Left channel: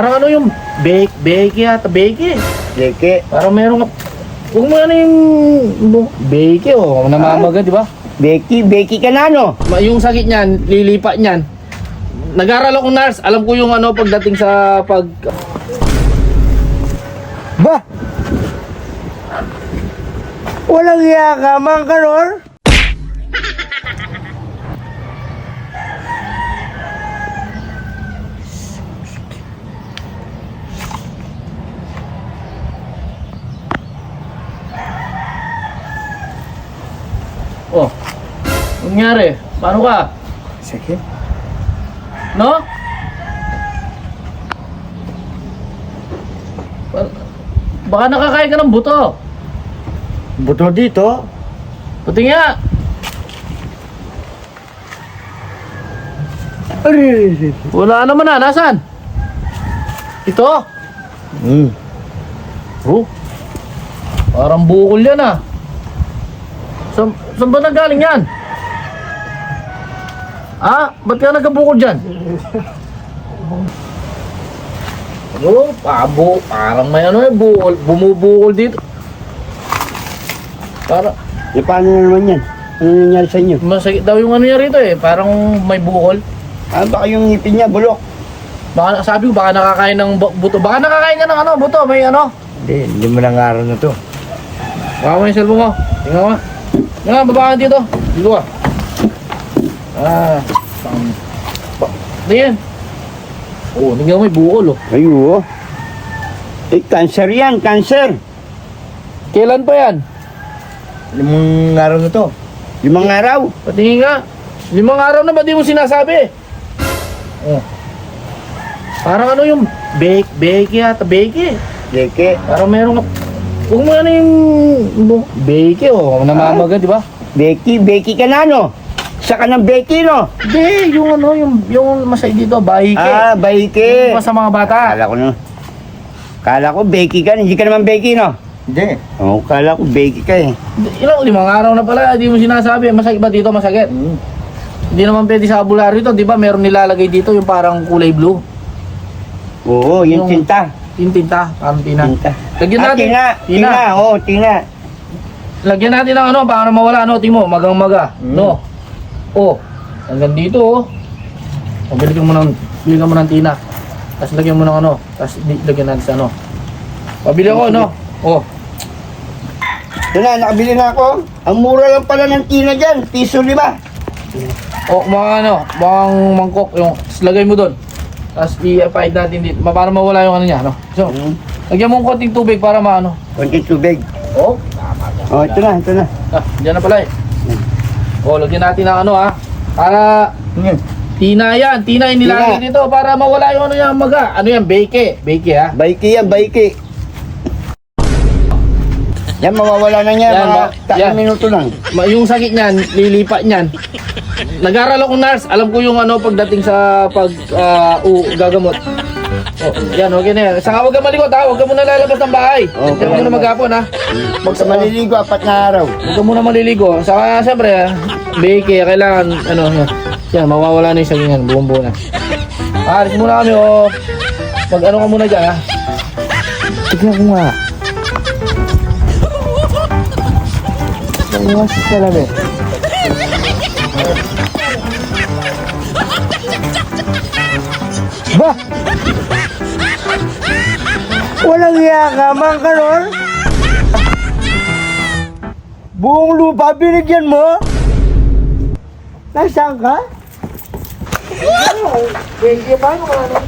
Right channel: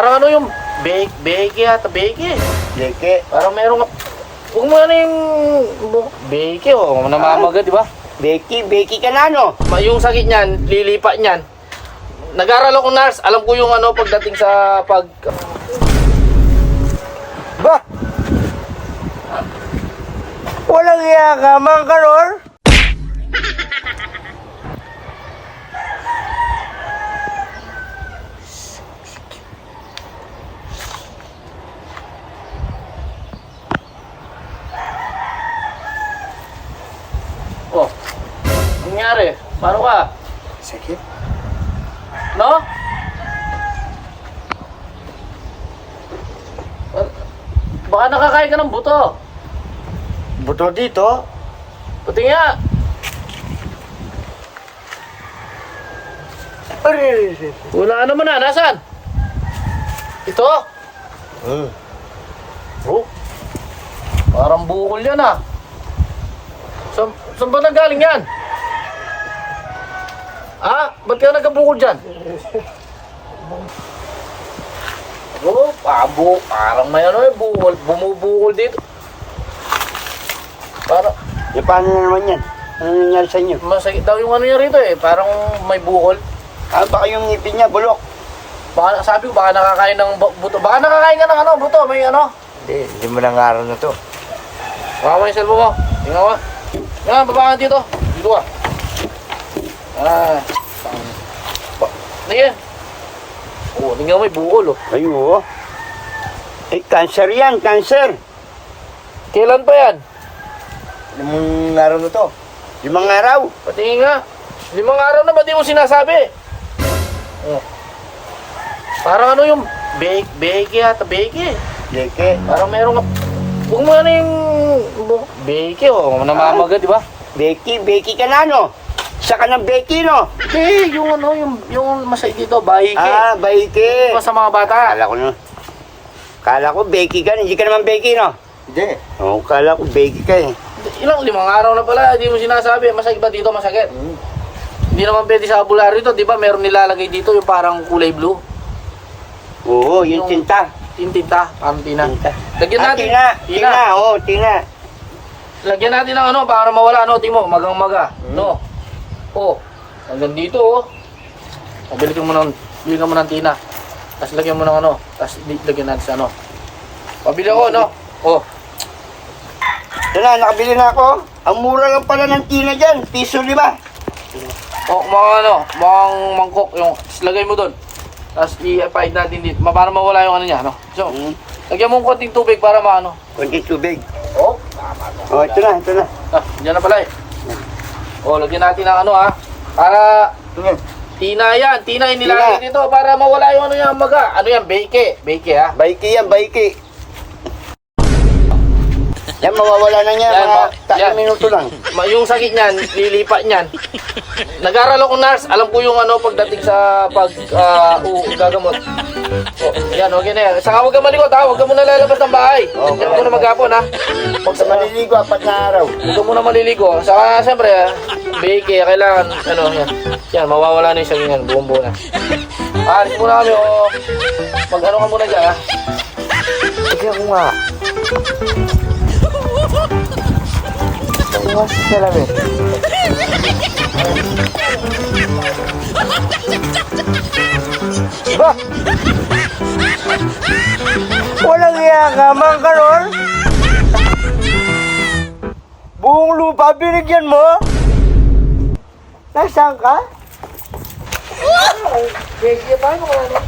Parang ano yung beke yata, beke. Beke. Parang meron ka, huwag mo ano yung beke oh, namamaga, di ba? Beki ka na, no? Yung sakit niyan, lilipa niyan. Nag-aral ako nurse, alam ko yung ano pagdating sa Ba? Walang iya ka, Mang Karor? Oh, nangyari? Paano ka? Sakit? No? Baka nakakain ka ng buto. Buto dito? Pati nga. Ay! Wala naman na. Nasaan? Ito? Oh, parang bukol yan ah. Saan ba nanggaling yan? Ah, ba't ka nagkabukol dyan? Ano? Parang may ano eh, bukol, bumubukol dito. Parang, E paano na naman yan? Ano nangyari sa inyo? masakit daw yung ano niya rito eh, parang may bukol. Ah, baka yung ngipin niya, bulok. Baka, sabi ko, baka nakakain ng buto. Baka nakakain ka ng ano, buto, may ano. Hindi mo lang araw na to. Baka mo yung cellphone mo. Tingnan mo nga. Nga, baba ka dito. Dito ka. Tingnan. Oh, tingnan mo may bukol oh. Ay, oo. Eh, cancer yan, cancer. Kailan pa yan? 5 araw na to. 5 araw? Patingin nga. 5 araw na ba di mo sinasabi? Oh. Parang ano yung beke yata, beke. Beke. Parang meron ka, huwag mo ano yung beke oh, namamaga di ba? Beki ka na, no? Saka ng beki, no? Hindi, yung ano, yung masay dito, bahike. Ah, beke. Yung sa mga bata. Kala ko beki ka, hindi ka naman beki, no? Hindi. Oo, kala ko beki ka eh. Ilang 5 araw na pala, di mo sinasabi. Masakit ba dito? Masakit? Hindi naman pwede sa albularyo ito, di ba? Meron nilalagay dito yung parang kulay blue. Oo, yung tinta. Yung tinta, parang tina. Tinta. Lagyan Ah, natin. tina. Oo, tina. Lagyan natin ng ano, para mawala, ano, timo, magang-maga. No? Oh, hanggang dito, oh. O, biligan mo ng tina. Tapos lagyan mo ng ano, tapos lagyan natin sa ano. Pabili ako, no? Oh. Ito na, nakabili na ako. Ang mura lang pala ng tina dyan, piso 5. Oh, mga ano, bang mangkok, yung lagay mo doon. Tapos i-applied natin dito, para mawala yung ano niya, no? So, lagyan mo ng konting tubig para maano. Konting tubig. Oh, Oh, ito na. ah, dyan na pala eh. Oh, lagyan natin ng ano ha. Para tina yan, tina yung nilagay Tina. dito para mawala yung ano yan maga. Ano yan, beke ha. Baiki yan, baiki. Yan, mawawala na niya. Yan, Mga 3 minuto lang. Yung sakit niyan, lilipat niyan. Nag-aral ako nurse, alam ko yung ano pagdating sa gagamot. Oh, yan, okay na yan. Saka huwag ka malikot ha, huwag ka muna lalabas ng bahay. Okay. Huwag muna maghapon ha. Sa maliligo, 4 na araw. Huwag ka muna maliligo. Saka siyempre ha, beke, kailangan, ano, yan, mawawala na yung sakit niyan, buong buo na. Alis muna kami o, pag ano ka muna dyan ha. Tignan mo nga. Iwas talaga. Ba? Walang iya ka, Mang Karor? Buong lupa binigyan mo? Nasaan ka? Beke, paano ka?